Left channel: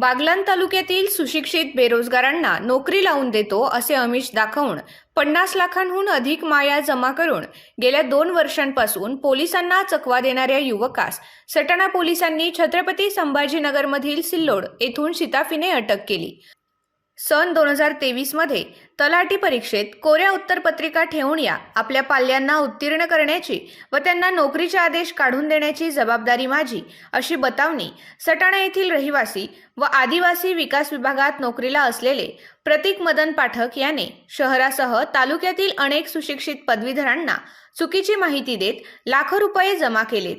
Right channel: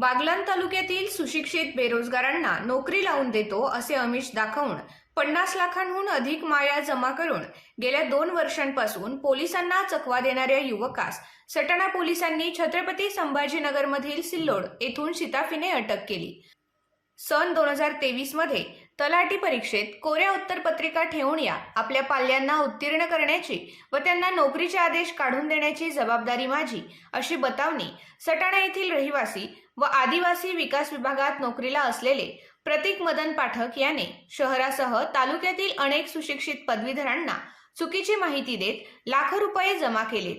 बागलान तालुक्यातील सुशिक्षित बेरोजगारांना नोकरी लावून देतो असे आमिष दाखवून पन्नास लाखांहून अधिक माया जमा करून गेल्या दोन वर्षांपासून पोलिसांना चकवा देणाऱ्या युवकास सटाणा पोलिसांनी छत्रपती संभाजीनगरमधील सिल्लोड येथून शिताफीने अटक केली. सन दोन हजार तेवीसमध्ये तलाठी परीक्षेत कोऱ्या उत्तरपत्रिका ठेवून या आपल्या पाल्यांना उत्तीर्ण करण्याची व त्यांना नोकरीचे आदेश काढून देण्याची जबाबदारी माझी अशी बतावणी सटाणा येथील रहिवासी व आदिवासी विकास विभागात नोकरीला असलेले प्रतीक मदन पाठक याने शहरासह तालुक्यातील अनेक सुशिक्षित पदवीधरांना चुकीची माहिती देत लाखो रुपये जमा केलेत.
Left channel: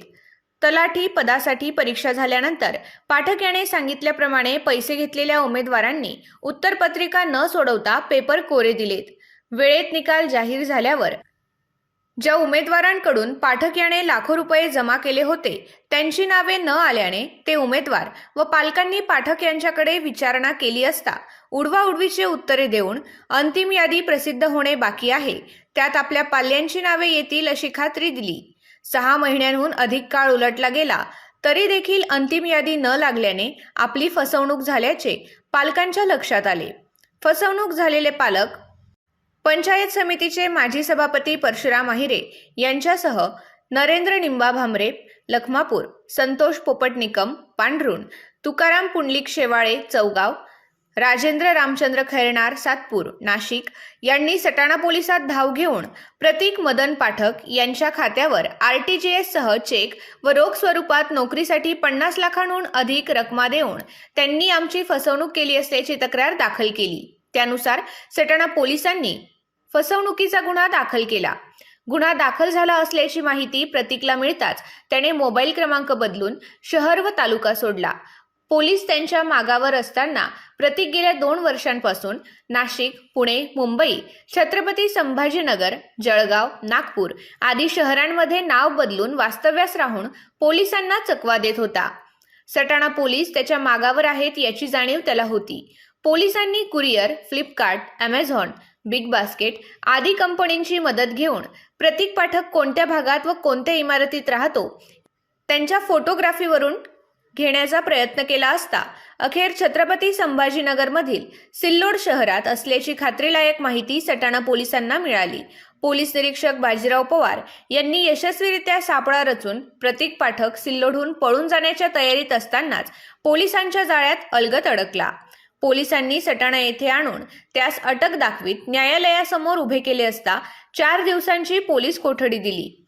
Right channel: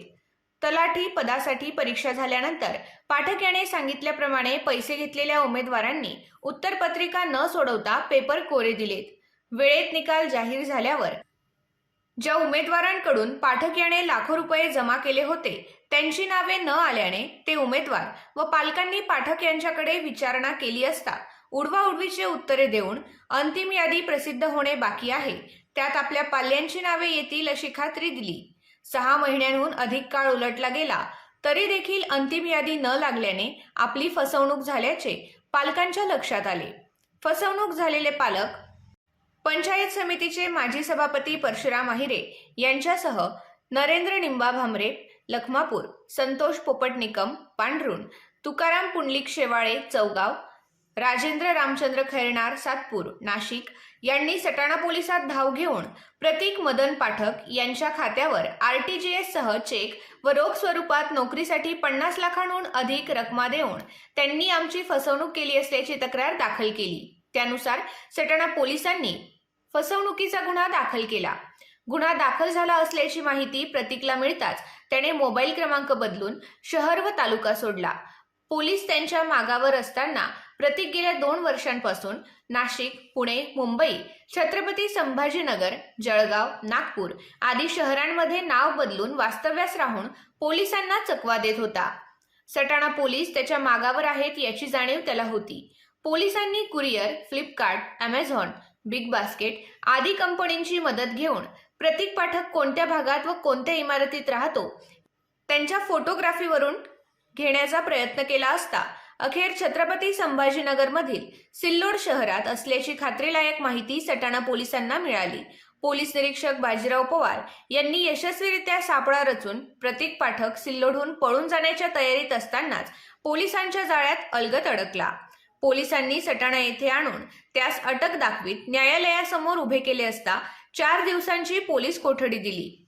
तलाठी पदासाठी परीक्षा झाल्यानंतर पाठक याने सांगितल्याप्रमाणे पैसे घेतलेल्या उमेदवारांनी उत्तरपत्रिका न सोडवता पेपर कोरे दिलेत. वेळेत निकाल जाहीर झाल्यावर ज्या उमेदवारांकडून पाठक याने लाखो रुपये जमा केले होते त्यांची नावे न आल्याने ते उमेदवार व पालकांनी पाठक यांच्याकडे विचारणा केली असता उडवाउडवीचे उत्तरे देऊन अंतिम यादी प्रसिद्ध होणे बाकी आहे. त्यात आपल्या पाल्यांची नावे येतील अशी खात्री दिली. सहा महिन्यांहून अधिक काळ उलटला गेला तरी देखील अंतिम यादी न लागल्याने आपली फसवणूक झाल्याचे पालकांच्या लक्षात आले. फसवणूक झालेले पालक पंचायत समितीचे माजी सभापती परशुराम आहिरे यांच्यासह नरेंद्र निंबा भामरे लखमापूर संतोष पोपटनिकम पांढरुण तुकाराम पुंडलिक शेवाळे चौगाव राजेंद्र रामचंद्र खैरनार सातपूर नाशिक. यांनी सटाणा पोलिसात धाव घेऊन प्रतीक मदन पाठक यांच्या खात्यावर आरटीजीएस सह चेक व रोख स्वरूपात नोकरीसाठी पन्नास लाखांहून अधिक रकमा देऊन त्यांनी आमची फसवणूक केली असल्याची तक्रार दाखल केली. त्यानुसार सटाणा पोलिसांनी फसवणुकीचा गुन्हा दाखल केला. गुन्हा दाखल झाला असल्याची माहिती प्रतीकला मिळताच त्याने मोबाईल क्रमांक बदलून शहर व तालुका सोडला. पोलीस त्यांच्या मागावर असताना प्रतीक गेल्या दोन वर्षांपासून नाशिक पुणे मुंबई छत्रपती संभाजीनगर जळगाव नागपूर आदी शहरांमध्ये नाव बदलून वास्तव्यास राहून पोलिसांना चकवा देत होता. सटाणा पोलीस त्याच्या मागावर आहेत याची जाणीव त्याला होती. पोलिसांनी courier Flipkart Amazon big basket आदी कंपनींची मदत घेऊन प्रतीक पाठक कोणत्या भागात व कोणत्या इमारतीत राहतो त्यांच्या फोटोग्राफीवरून घेण्याचा प्रयत्न केला असता अखेर छत्रपती संभाजीनगरमधील सिल्लोड शहरात असल्याची खात्रीलायक माहिती सटाणा पोलिसांना मिळाली. पोलीस निरीक्षक बाजीराव पवार यांनी यशस्वीरित्या सापळा रचून प्रतीक पाठक सिल्लोडहून पळून जाण्याच्या तयारीत असतानाच पोलिसांच्या जाळ्यात अलगत अडकला. पोलिसांनी सटाणा येथे आणून त्यास अटक दाखवीत न्यायालयासमोर उभे केले असता चार दिवसांची पोलीस कोठडी दिली.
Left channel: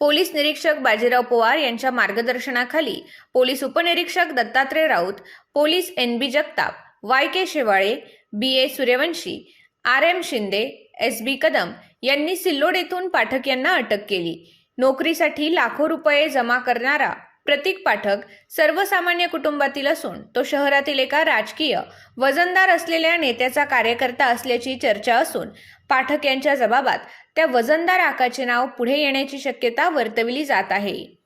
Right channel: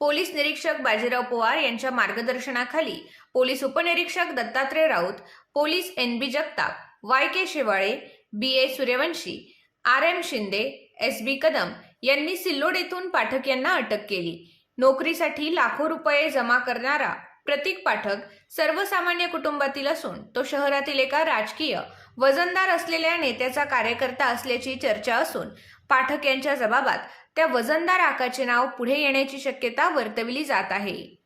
पोलीस निरीक्षक बाजीराव पवार यांच्या मार्गदर्शनाखाली पोलीस उपनिरीक्षक Dattatray Raut police N B Jagtap Y K Shewale B A Suryavanshi R M Shinde S B Kadam यांनी सिल्लोड येथून पाठक यांना अटक केली. नोकरीसाठी लाखो रुपये जमा करणारा प्रतीक पाठक सर्वसामान्य कुटुंबातील असून तो शहरातील एका राजकीय वजनदार असलेल्या नेत्याचा कार्यकर्ता असल्याची चर्चा असून पाठक यांच्या जबाबात त्या वजनदार आकाचे नाव पुढे येण्याची शक्यता वर्तविली जात आहे.